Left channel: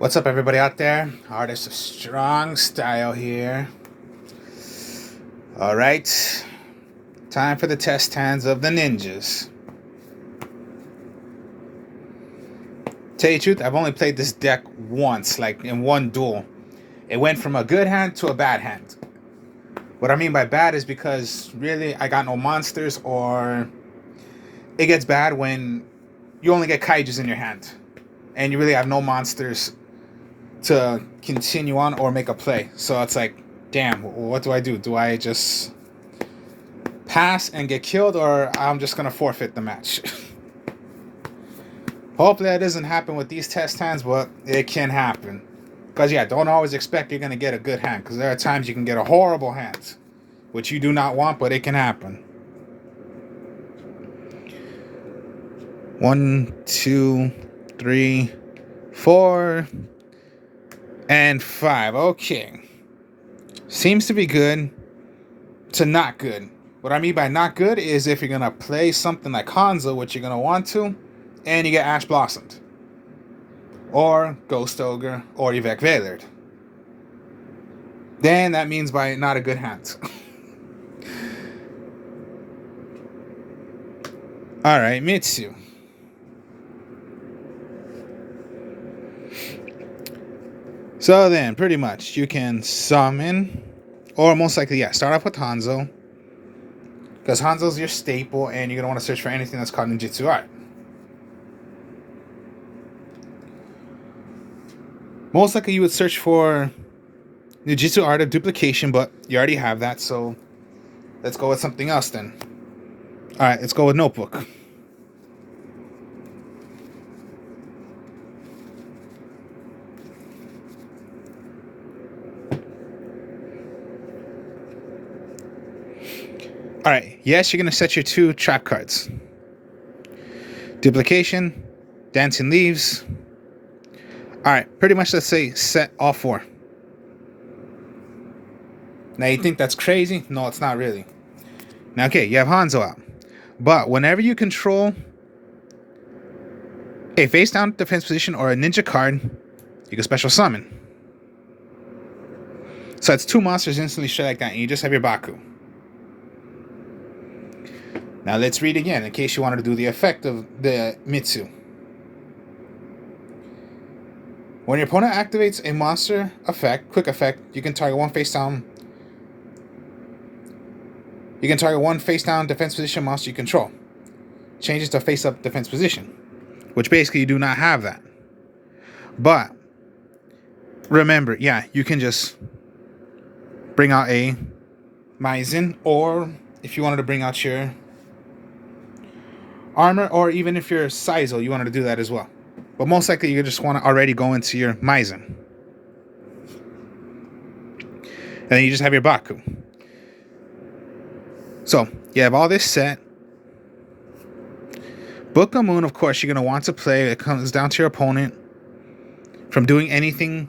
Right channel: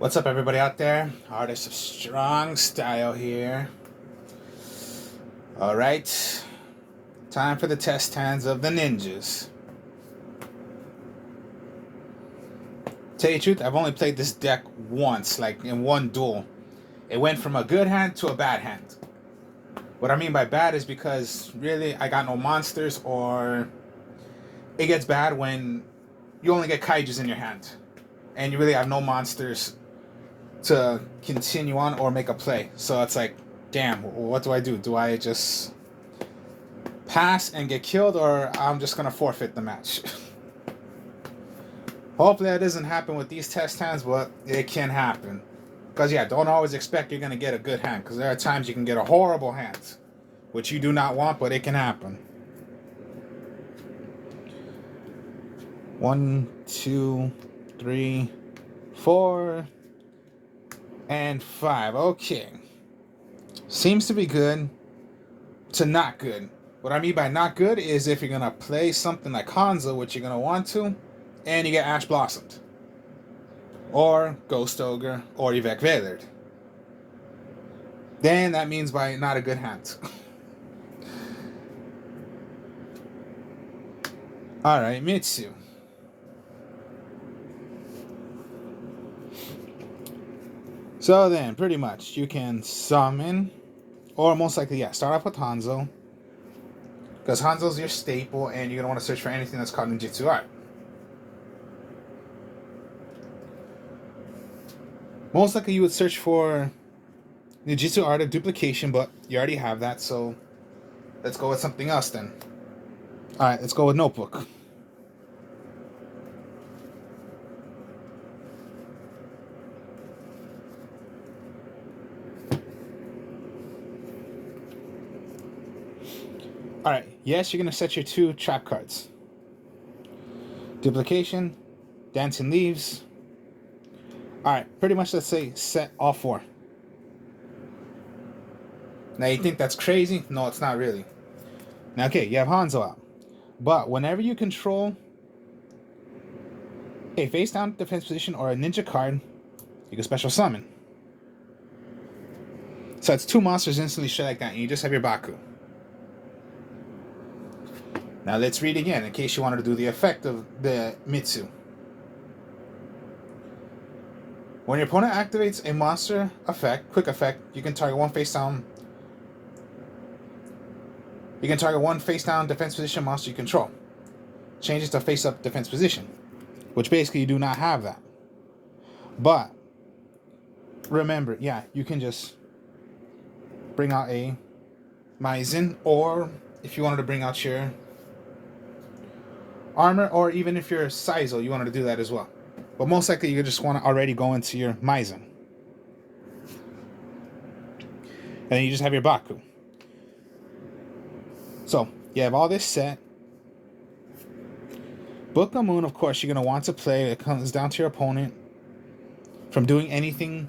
What's up, everybody out there? Artist of Strong Style here. All right, time for the test hands of the ninjas. Tell you the truth, I've only played this deck once, like in one duel. It went from a good hand to a bad hand. What I mean by bad is because really I got no monsters, or it gets bad when you only get kaijus in your hand and you really have no monsters to continue on or make a play. So it's like, damn, what do I do? Do I just pass and get killed, or I'm just gonna forfeit the match? Hopefully that doesn't happen with these test hands, but it can happen. Because yeah, don't always expect you're gonna get a good hand, because there are times you can get a horrible hand, which you do not want, but it can happen. 1, 2, 3, 4, and 5. Okay. Seems to be good to not good. What I mean by not good is if you're going to play something like Hanzo, which you're going to want to, and you get Ash Blossomed, or Ghost Ogre, or Yvette Veilard, then that means by not a good hand. Alright, Mitsu. So then, pretty much, you can summon, or most likely, yeah, start off with Hanzo, because Hanzo's your staple, and you're going to want to search for anything that's called Ninjutsu Art. Most likely, you would search for Ninjutsu Art of Duplication, but you already have that, so let's go with something else then. Alright, let's go with Notebook. Alright, yes, you're going to set your 2 trap cards. Duplication, Dancing Leaves. Alright, pretty much let's say set all 4. Now you think that's crazy? No, it's not really. Now, okay, you have Hanzo out. But whenever you control a face down defense position or a ninja card, you can special summon. So it's 2 monsters instantly straight like that, and you just have your Baku. Now let's read again in case you wanted to do the effect of the Mitsu. When your opponent activates a monster effect, quick effect, you can target one face down. You can target one face down defense position monster you control. Changes to face up defense position, which basically you do not have that. But remember, yeah, you can just bring out a Maizen, or if you wanted to bring out your armor, or even if you're Saizo, you wanted to do that as well. But most likely you just want to already go into your Maizen. And then you just have your Baku. So, you have all this set. Book of Moon, of course, you're going to want to play. It comes down to your opponent from doing anything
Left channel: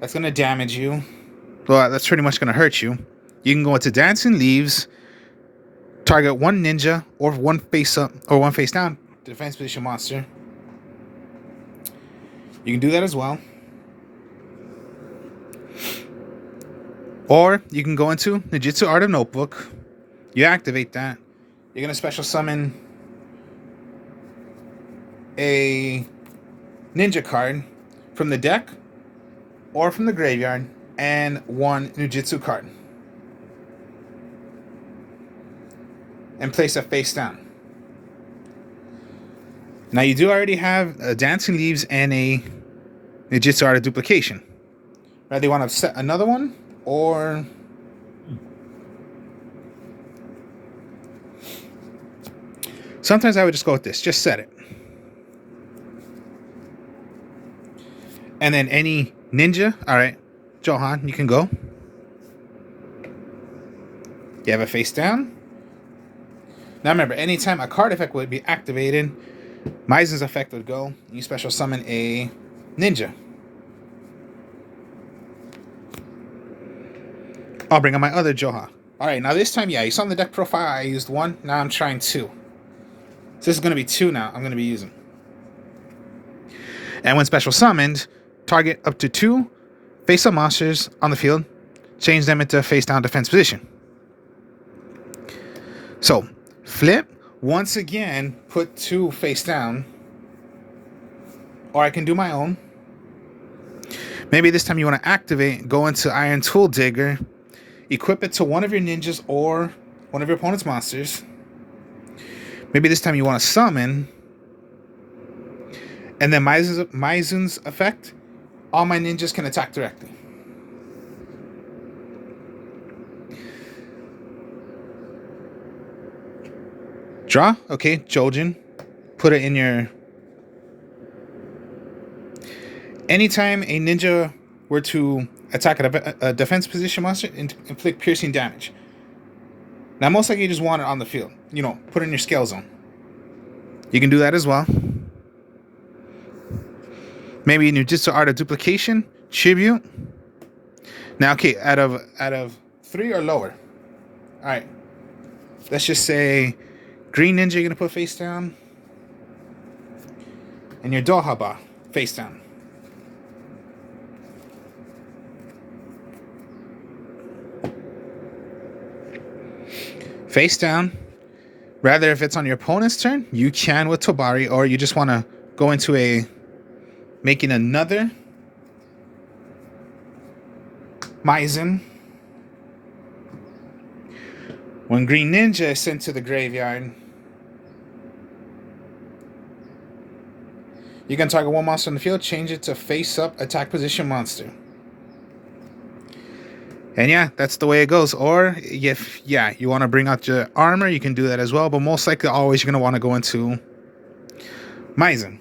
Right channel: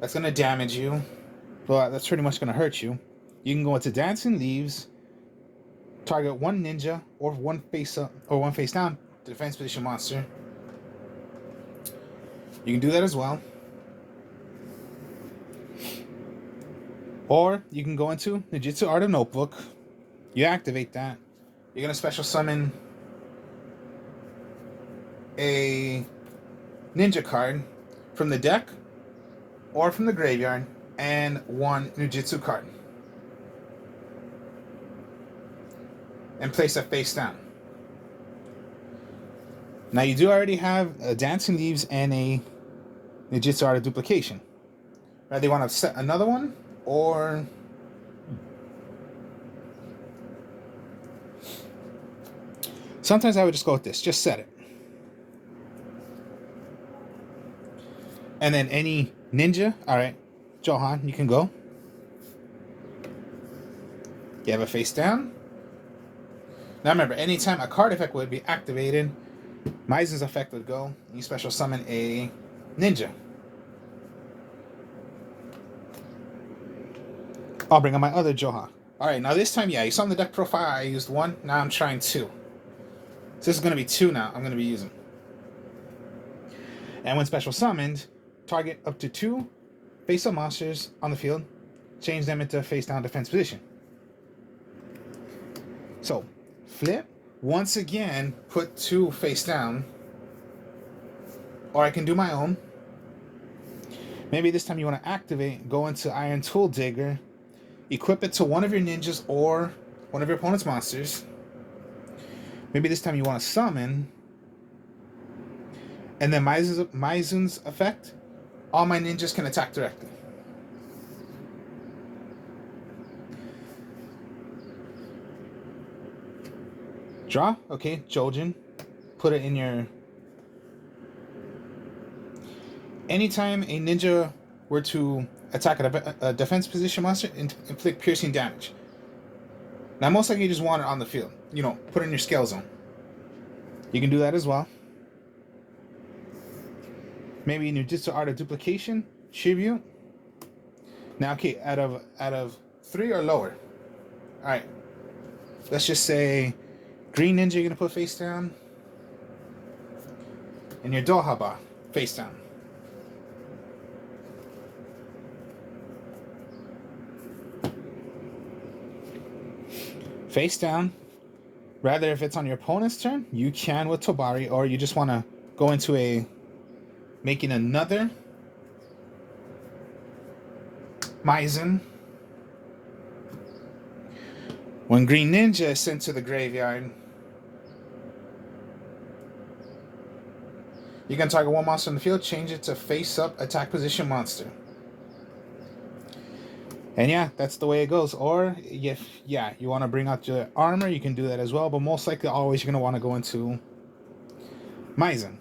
that's going to damage you. Well, that's pretty much going to hurt you. You can go into Dancing Leaves, target one ninja, or one face up, or one face down defense position monster. You can do that as well. Or you can go into Ninjutsu Art of Notebook. You activate that. You're going to special summon a ninja card from the deck or from the graveyard, and one Ninjutsu card. And place it face down. Now you do already have Dancing Leaves and a Ninjutsu Art of Duplication. Whether you want to set another one, or sometimes I would just go with this. Just set it. And then any ninja, alright, Johan, you can go. You have a face down. Now remember, anytime a card effect would be activated, Maizen's effect would go. You special summon a ninja. I'll bring on my other Joha. Alright, now this time, yeah, you saw in the deck profile I used 1. Now I'm trying 2. So this is going to be 2 now I'm going to be using. And when special summoned, target up to 2 face-up monsters on the field. Change them into face-down defense position. So, flip. Once again, put 2 face-down. Or I can do my own. Maybe this time you want to activate, go into Iron Tool Digger, equip it to one of your ninjas or one of your opponent's monsters. Maybe this time you want to summon, and then Maizen's effect, all my ninjas can attack directly. Draw, okay, Jojen. Put it in your... Anytime a ninja were to attack a defense position monster, inflict piercing damage. Now, most likely you just want it on the field. You know, put it in your scale zone. You can do that as well. Maybe in your Jutsu Art of Duplication, Tribute. Now, okay, out of 3 or lower. All right. Let's just say Green Ninja you're going to put face down. And your Dohaba face down. Face down. Rather, if it's on your opponent's turn, you can with Tobari, or you just want to go into making another Maizen. When Green Ninja is sent to the graveyard, you can target one monster in the field, change it to face-up attack position monster. And yeah, that's the way it goes. Or if, yeah, you want to bring out your armor, you can do that as well. But most likely, always you're going to want to go into Maizen.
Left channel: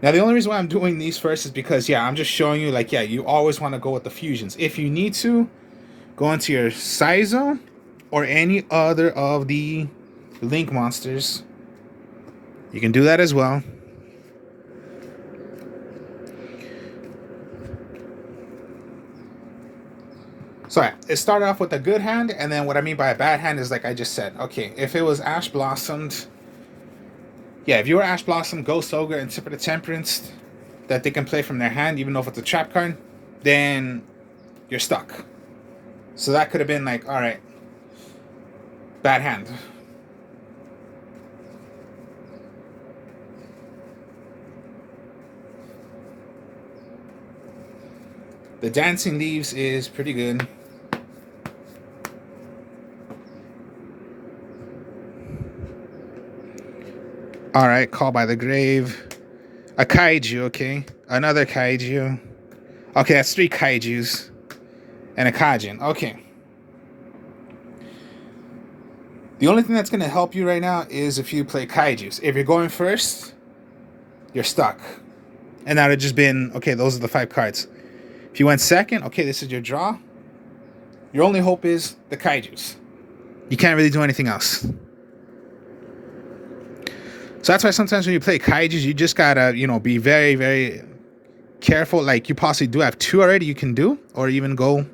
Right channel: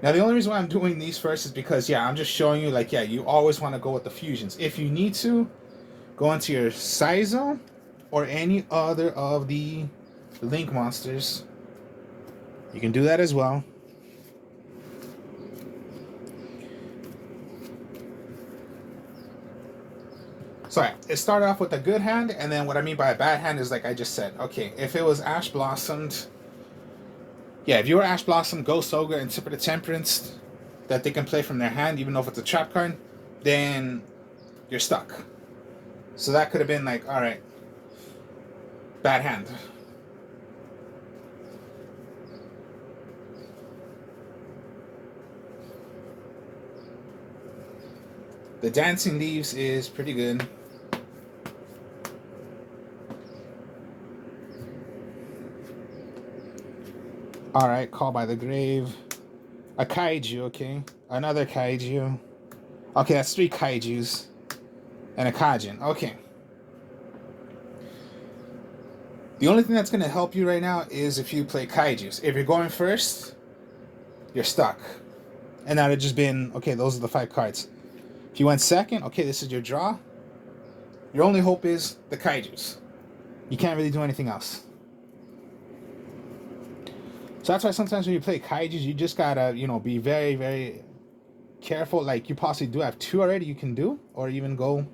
Now, the only reason why I'm doing these first is because, yeah, I'm just showing you, like, yeah, you always want to go with the fusions. If you need to, go into your Saizo or any other of the Link monsters. You can do that as well. So it started off with a good hand, and then what I mean by a bad hand is like I just said. Okay, if it was Ash Blossomed, yeah, if you were Ash Blossom, Ghost Ogre, and Tip of the Temperance that they can play from their hand, even though if it's a trap card, then you're stuck. So that could have been like, all right, bad hand. The Dancing Leaves is pretty good. All right, Call by the Grave. A Kaiju, okay. Another Kaiju. Okay, that's 3 Kaijus. And a Kajin, okay. The only thing that's going to help you right now is if you play Kaijus. If you're going first, you're stuck. And that would have just been, okay, those are the 5 cards. If you went second, okay, this is your draw. Your only hope is the Kaijus. You can't really do anything else. So that's why sometimes when you play Kaijus, you just gotta, you know, be very, very careful. Like, you possibly do have 2 already you can do, or even go.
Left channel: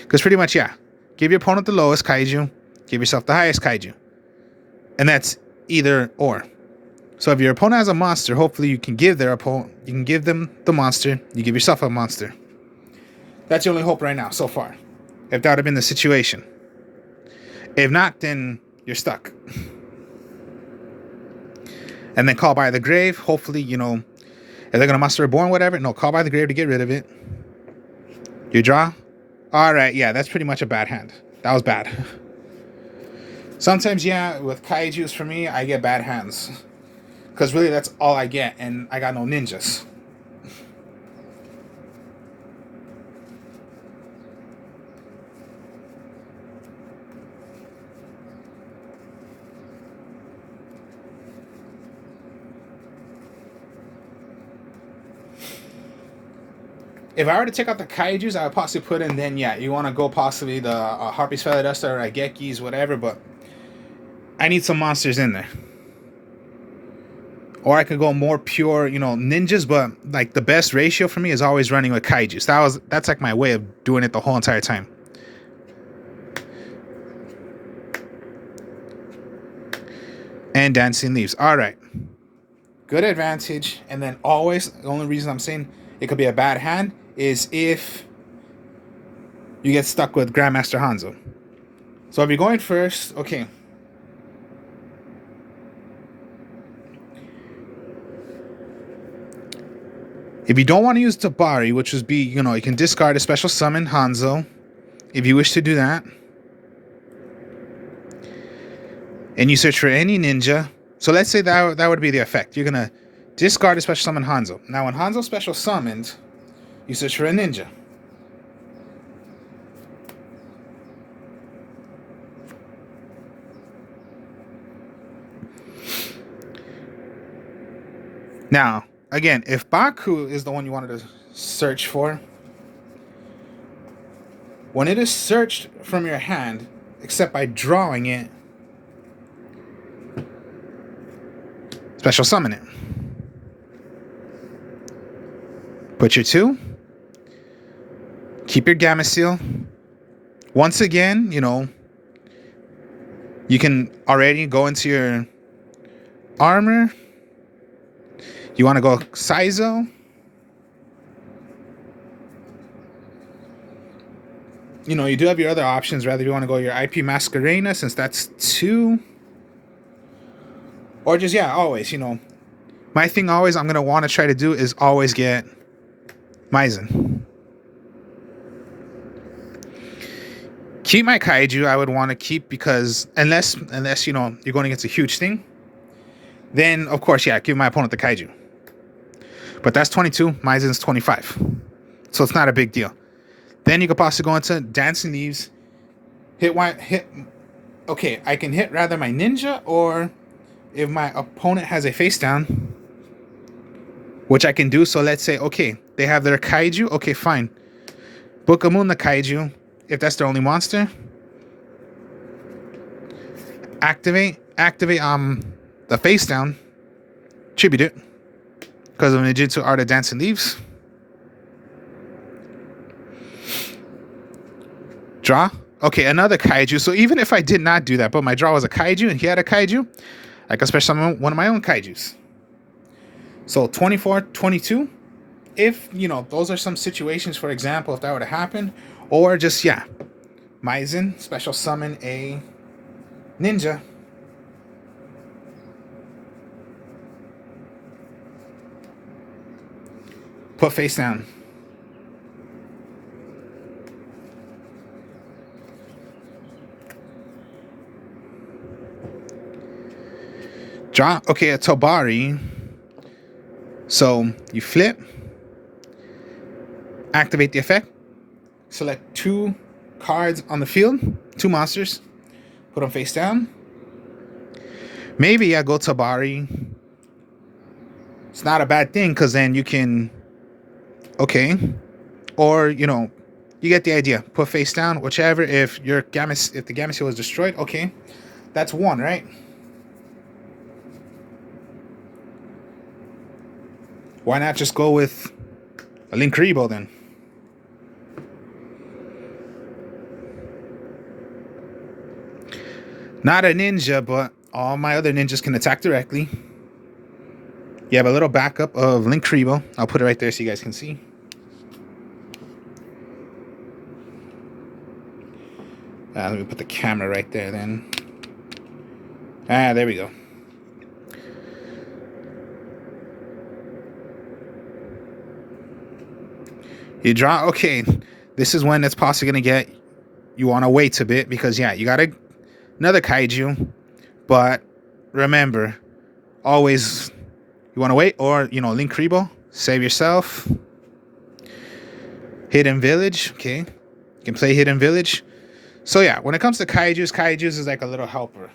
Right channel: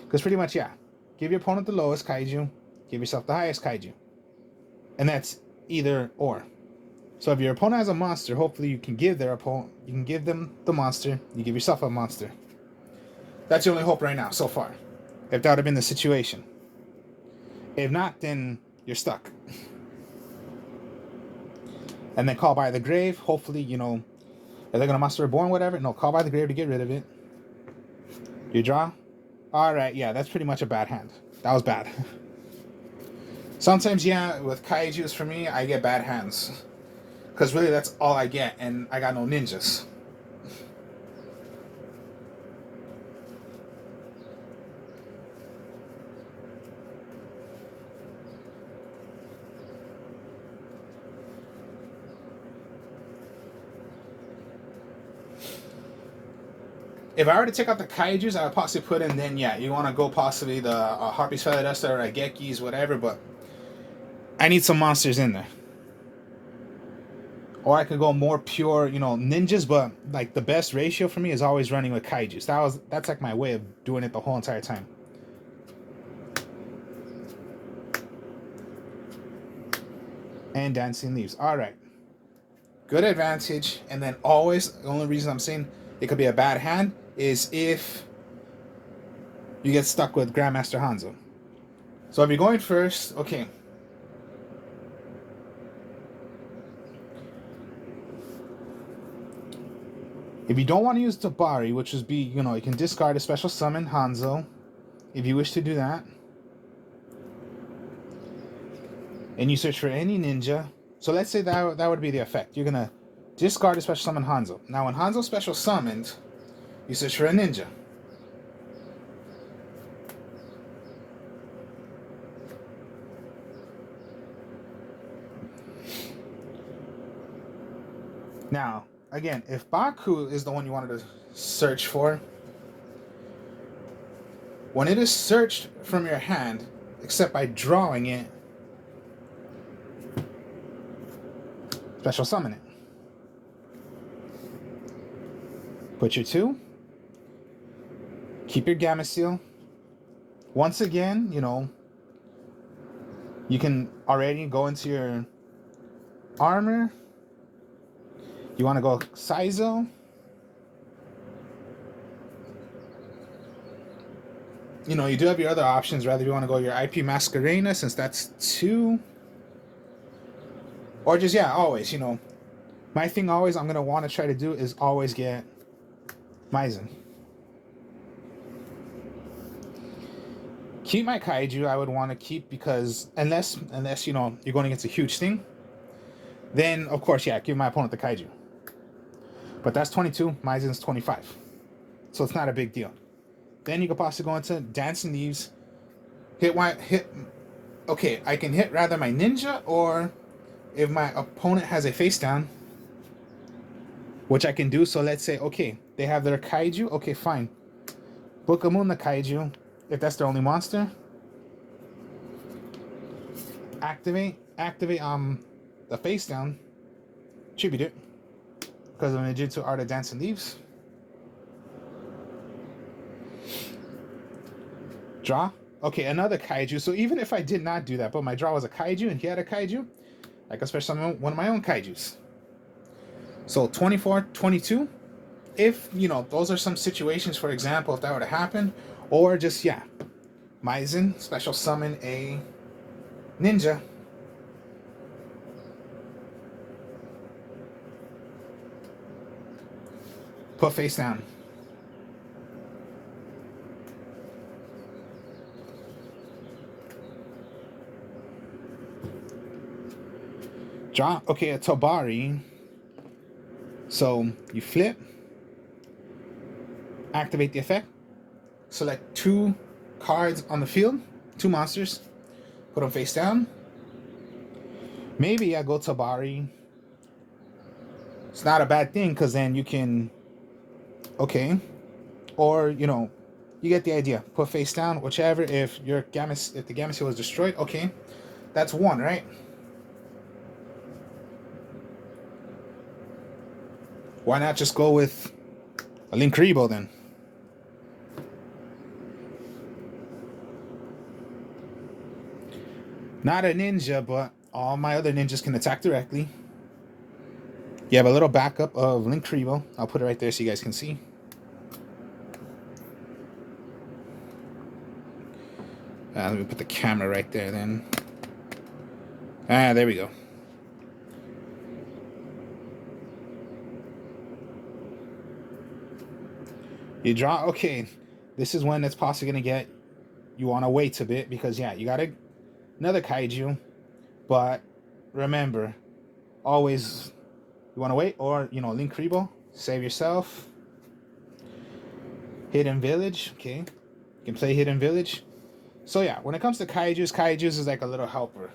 Because pretty much, yeah, give your opponent the lowest Kaiju, give yourself the highest Kaiju. And that's either or. So if your opponent has a monster, hopefully you can give their opponent, you can give them the monster, you give yourself a monster. That's your only hope right now, so far. If that would have been the situation. If not, then you're stuck. And then Call by the Grave. Hopefully, you know, if they're going to Monster Reborn, whatever. No, Call by the Grave to get rid of it. You draw. All right, yeah, that's pretty much a bad hand. That was bad. Sometimes, yeah, with Kaijus, for me, I get bad hands. Because really, that's all I get. And I got no ninjas. If I were to take out the Kaijus, I would possibly put in, then, yeah, you want to go possibly the Harpy's Feather Duster or Raigekis, whatever, but I need some monsters in there. Or I could go more pure, you know, ninjas, but, like, the best ratio for me is always running with Kaijus. That's like, my way of doing it the whole entire time. And Dancing Leaves. All right. good advantage, and then always, the only reason I'm saying it could be a bad hand is if you get stuck with Grandmaster Hanzo. So if you're going first, okay. If you don't want to use Tabari, which would be, you know, you can discard a special summon Hanzo if you wish to do that. And you search for any ninja. So let's say that would be the effect. You're going to discard a special summon Hanzo. Now when Hanzo special summoned, you search for a ninja. Now, again, if Baku is the one you wanted to search for, when it is searched from your hand, except by drawing it, special summon it. Put your 2. Keep your Gameciel. Once again, you know, you can already go into your armor. You want to go Saizo. You know, you do have your other options. Rather, you want to go your IP Masquerena, since that's 2. Or just, yeah, always, you know. My thing always I'm going to want to try to do is always get Maizen. Keep my Kaiju, I would want to keep, because unless you know, you're going against a huge thing, then, of course, yeah, give my opponent the Kaiju. But that's 22, Maizen's 25. So it's not a big deal. Then you could possibly go into Dancing Leaves. Okay, I can hit rather my ninja, or if my opponent has a face down, which I can do. So let's say, okay, they have their Kaiju. Okay, fine. Book of Moon the Kaiju, if that's their only monster. Activate the face down. Tribute it. Because of Ninjutsu Art of Dancing Leaves. Draw. Okay, another Kaiju. So even if I did not do that, but my draw was a Kaiju and he had a Kaiju, I can special summon one of my own Kaijus. So 24, 22. If, you know, those are some situations, for example, if that were to happen. Or just, yeah, Maizen, special summon a ninja. Put face down. Draw. Okay, a Tabari. So you flip. Activate the effect. Select 2 cards on the field. 2 monsters. Put them face down. Maybe I go Tabari. It's not a bad thing, because then you can... Okay. Or, you know, you get the idea. Put face down, whichever. If the Gameciel is destroyed, okay. That's 1, right? Why not just go with a Linkuriboh then? Not a ninja, but all my other ninjas can attack directly. You have a little backup of Linkuriboh. I'll put it right there so you guys can see. Let me put the camera right there then. There we go. You draw. Okay, this is when it's possibly going to get... You want to wait a bit, because, yeah, you got another Kaiju. But remember, always you want to wait. Or, you know, Linkuriboh. Save yourself. Hidden Village. Okay, you can play Hidden Village. So, yeah, when it comes to Kaijus is like a little helper.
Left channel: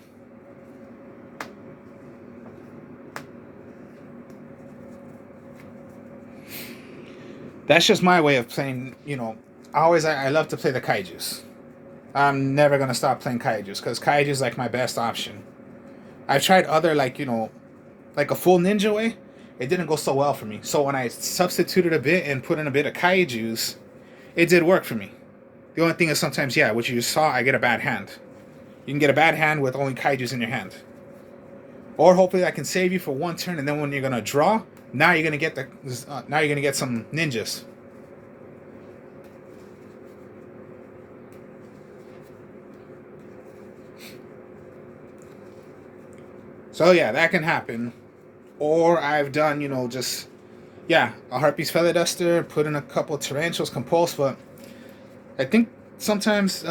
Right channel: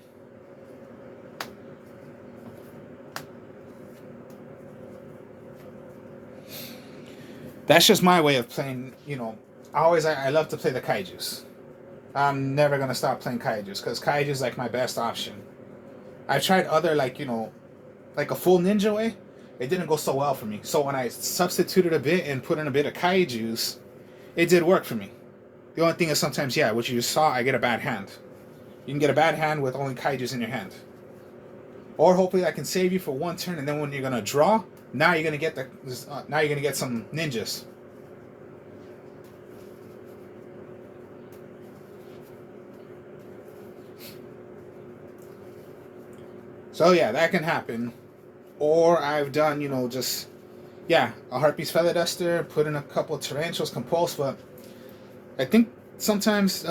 That's just my way of playing, you know. I love to play the Kaijus. I'm never going to stop playing Kaijus, because Kaiju is like my best option. I've tried other, like, you know, like a full ninja way. It didn't go so well for me. So when I substituted a bit and put in a bit of Kaijus, it did work for me. The only thing is sometimes, yeah, what you saw, I get a bad hand. You can get a bad hand with only Kaijus in your hand. Or hopefully I can save you for one turn, and then when you're gonna draw, now you're gonna get now you're gonna get some ninjas. So yeah, that can happen. Or I've done, just a Harpy's Feather Duster, put in a couple Tarantulas, Compulse, but I think sometimes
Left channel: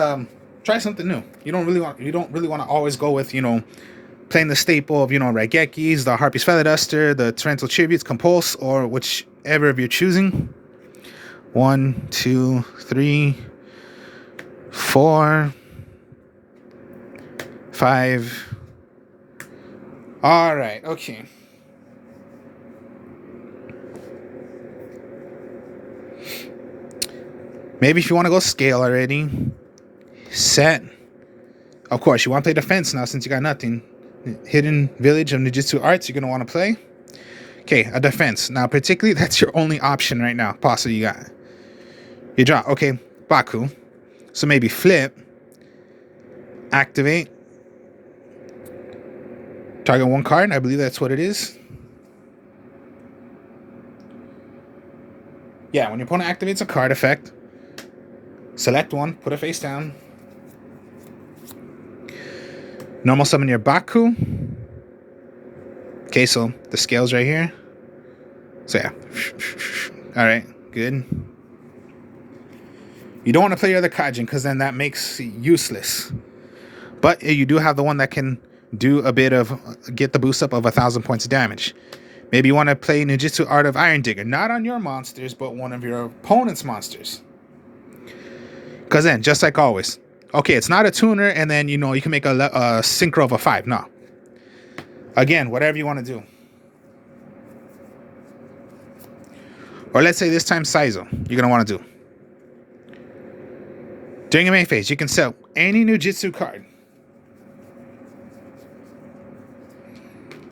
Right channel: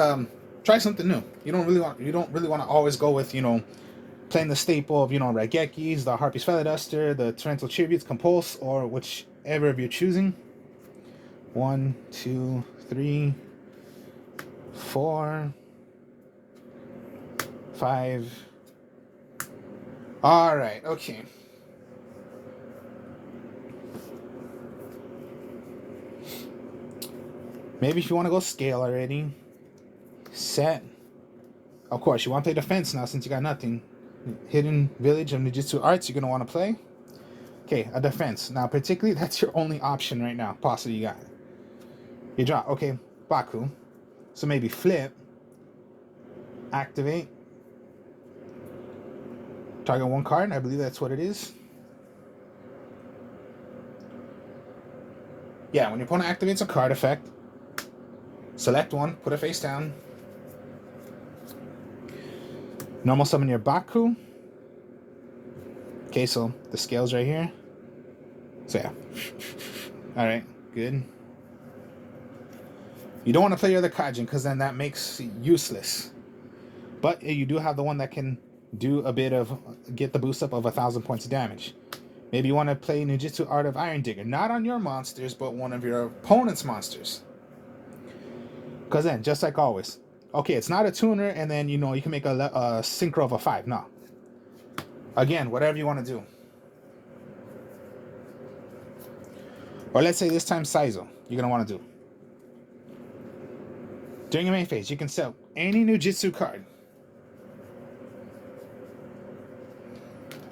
try something new. You don't really want to always go with, playing the staple of, Raigekis, the Harpy's Feather Duster, the Tarantula Tributes, Compulse, or whichever of you're choosing. 1, 2, 3, 4, 5. All right, okay. Maybe if you want to go scale already, set. Of course, you want to play defense now since you got nothing. Hidden Village of Ninjutsu Arts, you're going to want to play. Okay, a defense. Now, particularly, that's your only option right now. Possibly you got. You draw. Okay, Baku. So maybe flip. Activate. Target one card. I believe that's what it is. Yeah, when your opponent activates a card effect, select one, put it face down. Normal summon your Baku. Okay, so the scale's right here. So yeah. Alright, good. You don't want to play your other Kaijin because then that makes it useless. But you do have the one that can do a bit of, get the boost up of 1,000 points of damage. Maybe you want to play Ninjutsu Art of Iron Digger. Not on your monsters, but one of your opponent's monsters. Because then, just like always, okay, it's not a tuner, and then, you can make a synchro of a 5. No. Again, whatever you want to do. Or let's say this time Saizo, you're going to want to do. During your main phase, you can sell any Ninjutsu card.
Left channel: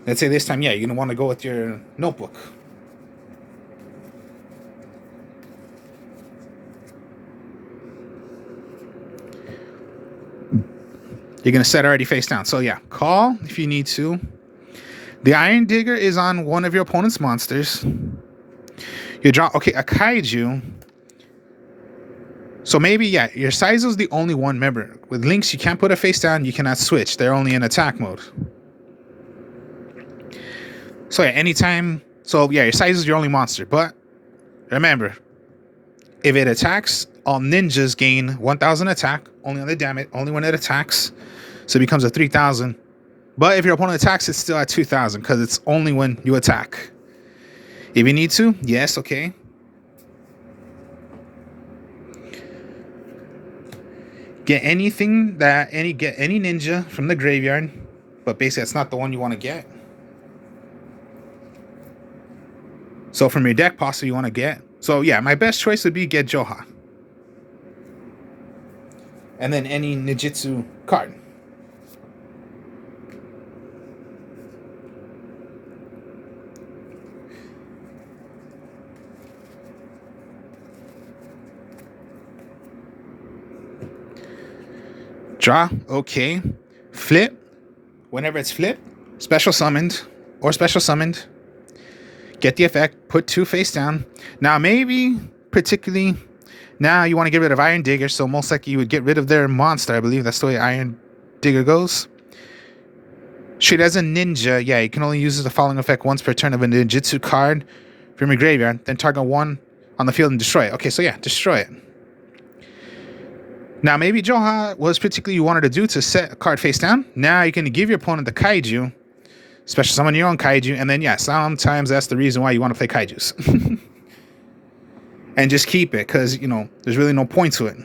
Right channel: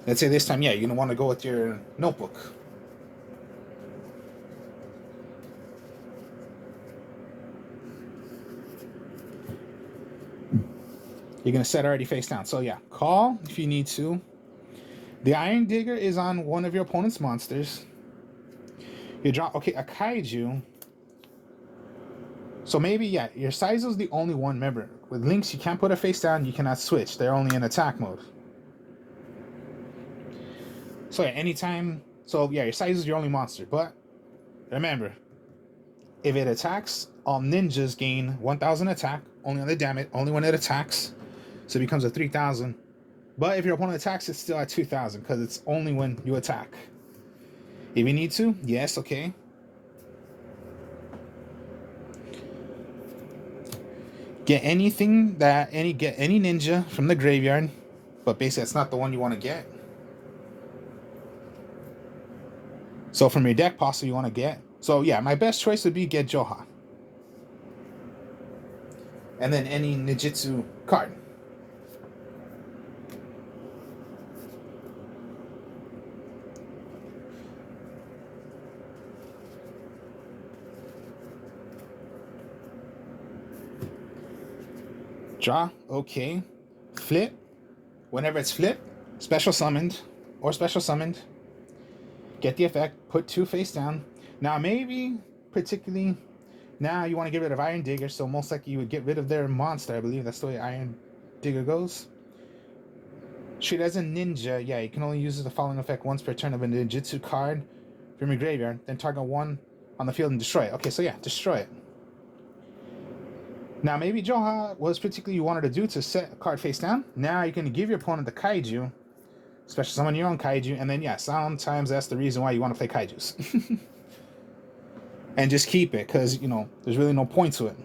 Let's say this time, you're going to want to go with your notebook. You're going to set already face down. So yeah, call if you need to. The Iron Digger is on one of your opponent's monsters. You draw, okay, a Kaiju. So maybe, your Saizo's the only one. Remember, with Lynx, you can't put a face down. You cannot switch. They're only in attack mode. So anytime. So your Saizo's your only monster. But remember, if it attacks, all ninjas gain 1,000 attack. Only on the damage. Only when it attacks. So it becomes a 3,000. But if your opponent attacks, it's still at 2,000 because it's only when you attack. If you need to, yes, okay. Get anything get any ninja from the graveyard, but basically that's not the one you want to get. So from your deck, possibly you want to get. So my best choice would be get Joha. And then any Ninjutsu card. Draw, okay. Flip. Whenever it's flipped, special summoned or special summoned. Get the effect, put 2 face down. Now maybe, particularly, now you want to get rid of Iron Digger, so most likely you would get rid of their monster. I believe that's the way Iron Digger goes. Treat as a ninja, you can only use the following effect once per turn of a ninjutsu card from your graveyard, then target one on the field and destroy it. Okay, so destroy it. Now, maybe Joha was particularly you wanted to do to set a card face down. Now you can give your opponent the Kaiju, special summon your own Kaiju, and then sometimes that's the reason why you want to play Kaijus. And just keep it, because, there's really no point to it.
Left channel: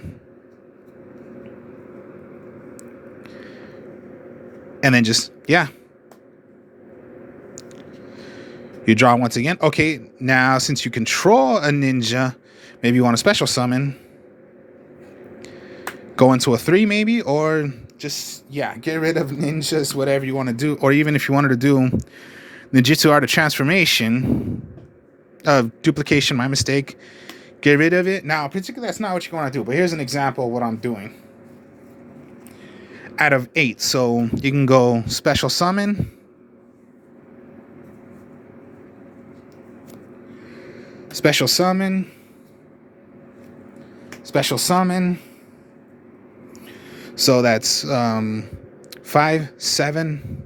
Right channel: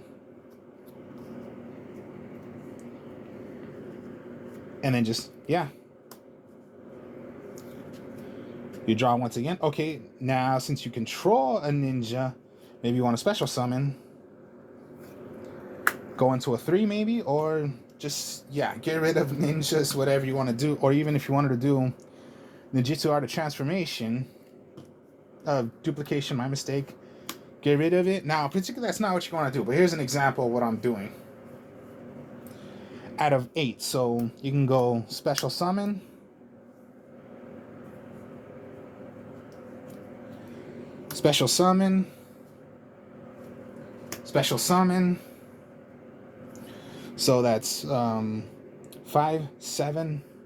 And then just, you draw once again. Okay, now since you control a ninja, maybe you want to special summon. Go into a 3 maybe, or just, get rid of ninjas, whatever you want to do. Or even if you wanted to do Ninjutsu Art of Transformation, duplication, my mistake. Get rid of it. Now, particularly, that's not what you want to do, but here's an example of what I'm doing. Out of 8, so you can go special summon. Special summon. Special summon. So that's 5, 7.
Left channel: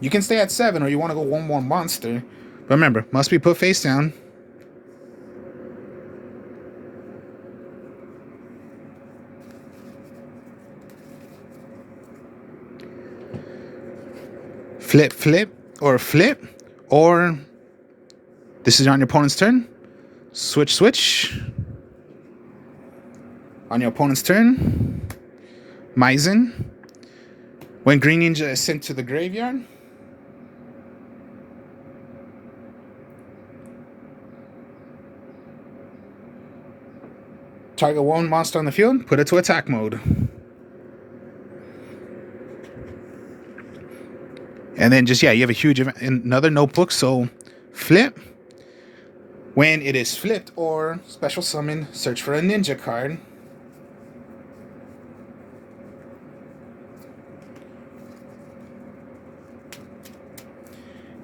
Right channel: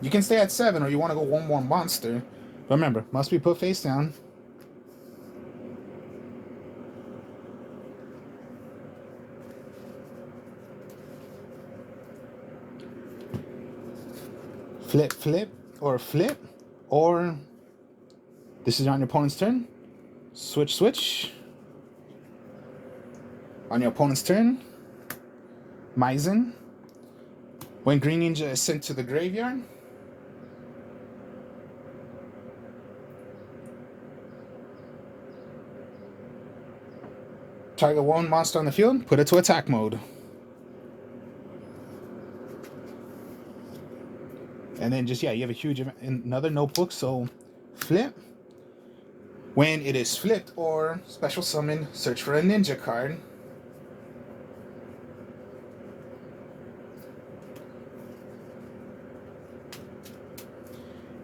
You can stay at 7, or you want to go one more monster. But remember, must be put face down. Flip, flip, or flip, or this is on your opponent's turn. Switch, switch. On your opponent's turn, Maizen. When Green Ninja is sent to the graveyard, target one monster on the field, put it to attack mode. And then just, yeah, you have a huge event, another notebook. So flip. When it is flipped or special summon, search for a ninja card.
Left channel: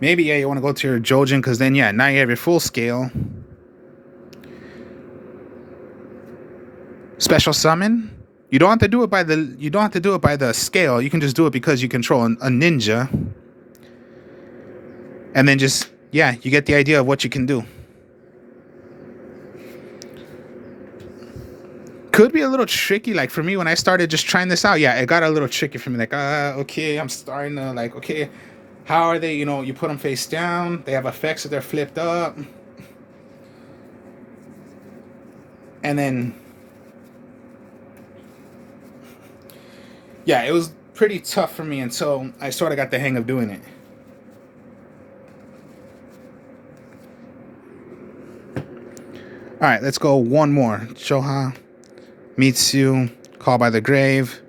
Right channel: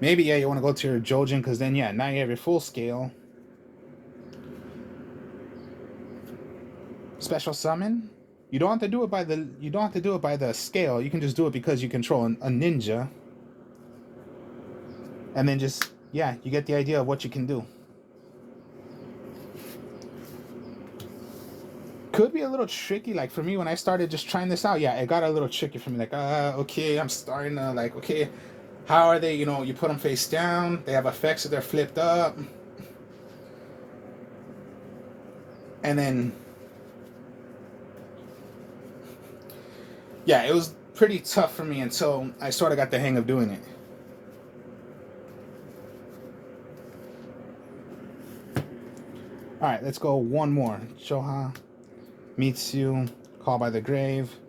Maybe, yeah, you want to go to your Jojen, because then, yeah, now you have your full scale. Special summon. You don't have to do it by the scale. You can just do it because you control a ninja. And then just, yeah, you get the idea of what you can do. Could be a little tricky. Like for me, when I started just trying this out, yeah, it got a little tricky for me. Like, okay, I'm starting to like, okay, how are they? You know, you put them face down. They have effects if they're flipped up. And then, yeah, it was pretty tough for me until I sort of got the hang of doing it. All right, let's go one more. Shoha, Mitsu, Call by the Grave,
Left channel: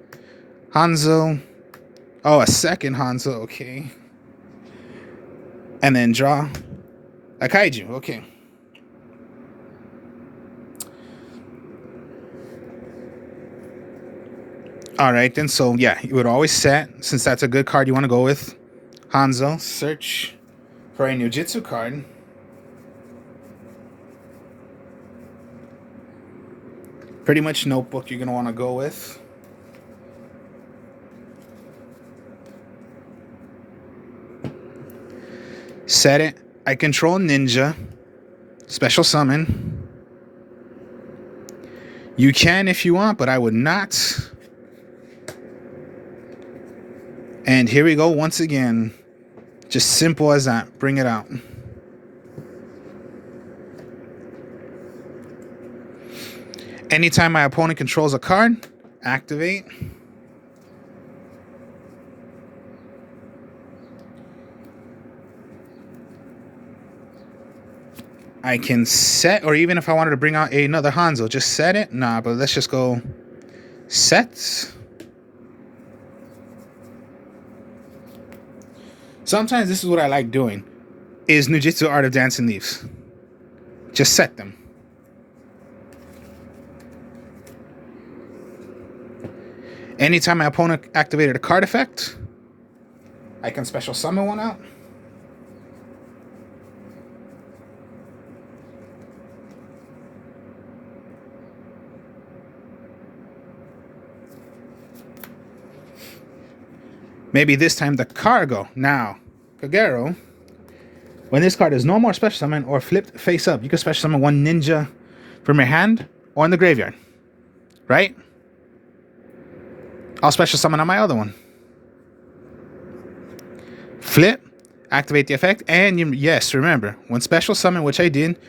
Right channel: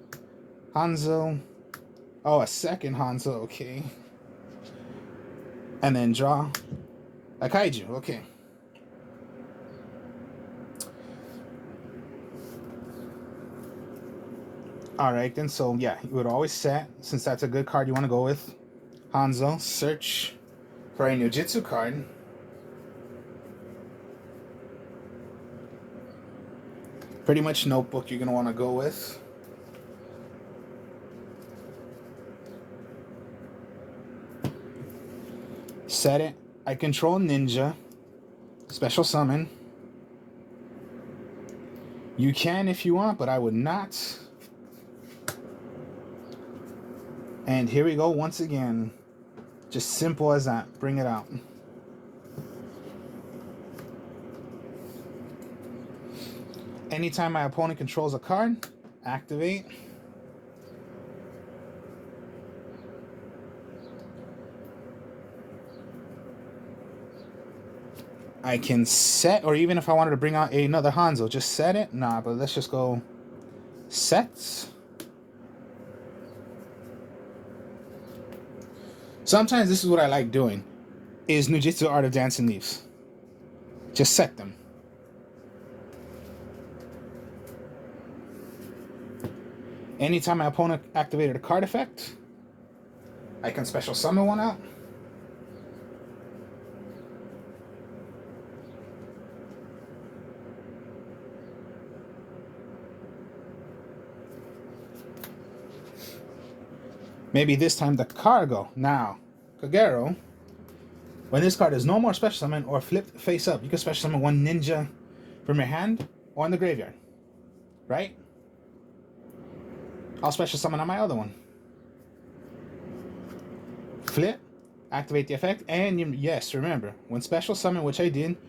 Hanzo. Oh, a second Hanzo, okay. And then draw a Kaiju, okay. All right, then, so yeah, you would always set, since that's a good card you want to go with, Hanzo, search for a Nujitsu card. Pretty much notebook you're going to want to go with. Set it. I control ninja. Special summon. You can if you want, but I would not. And here we go once again. Just simple as that. Bring it out. Anytime my opponent controls a card, activate. I can set, or even if I wanted to bring out another Hanzo, just set it. Nah, but let's just go set. Sometimes this is what I like doing, is Nujitsu Art of Dancing Leaves. Just set them. Anytime my opponent activated a card effect, I can special summon one out. Maybe this time the Cargo. Now, Kagero, when this card is no more special summon or flipped face up, you can special summon one ninja from your hand or in the graveyard. Right? I'll special summon on my other one. Flip, activate the effect, and yes, remember, when special summon, which I did,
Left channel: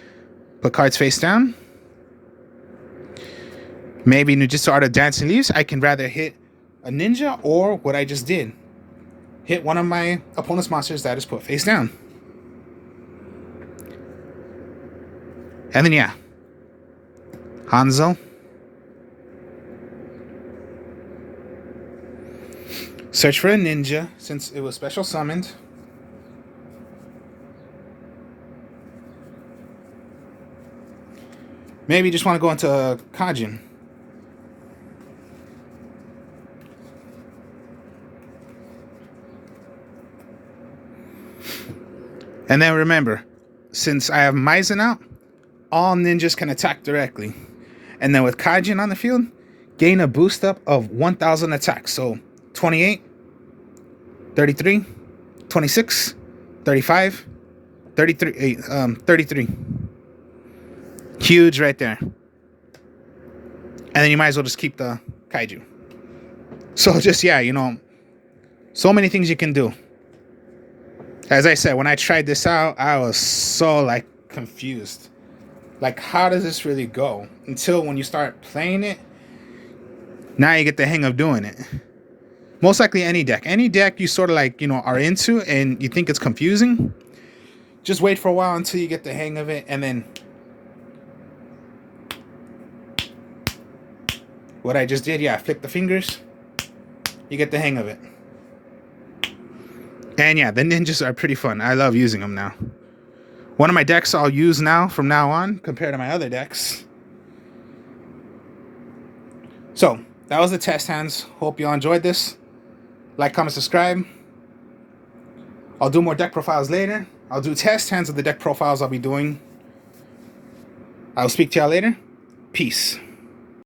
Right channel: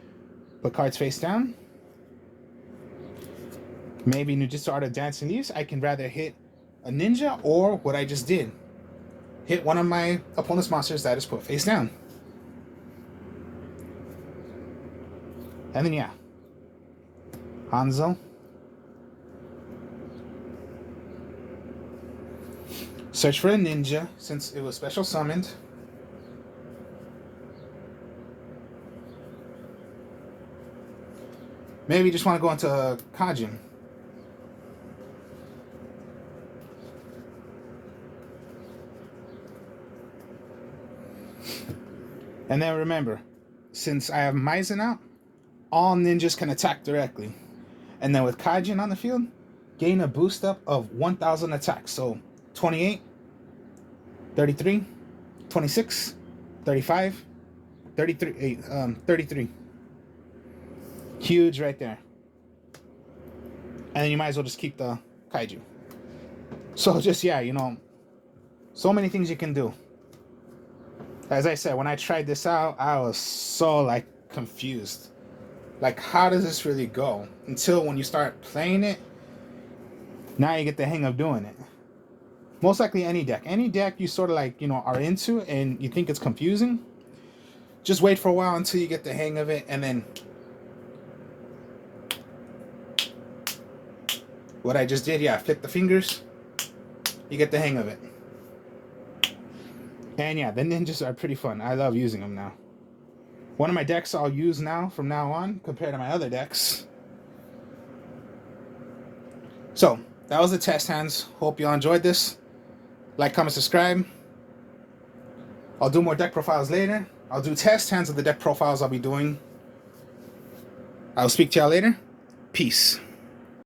put cards face down. Maybe Nujitsu Art of Dancing Leaves, I can rather hit a ninja or what I just did. Hit one of my opponent's monsters that is put face down. And then, yeah. Hanzo. Search for a ninja, since it was special summoned. Maybe you just want to go into Kajin. And then remember, since I have Maizen out, all ninjas can attack directly. And then with Kaijin on the field, gain a boost up of 1,000 attacks. So 28, 33, 26, 35, 33, 33. Huge right there. And then you might as well just keep the Kaiju. So just, yeah, you know, so many things you can do. As I said, when I tried this out, I was so, like, confused. Like, how does this really go? Until when you start playing it, now you get the hang of doing it. Most likely any deck. Any deck you sort of, like, you know, are into and you think it's confusing, just wait for a while until you get the hang of it, and then what I just did, yeah, flip the fingers, you get the hang of it. And yeah, the ninjas are pretty fun. I love using them now. One of my decks I'll use now from now on compared to my other decks. So, that was the test hands. Hope y'all enjoyed this. Like, comment, subscribe. I'll do more deck profiles later. I'll do test hands of the deck profiles I'll be doing. I'll speak to y'all later. Peace.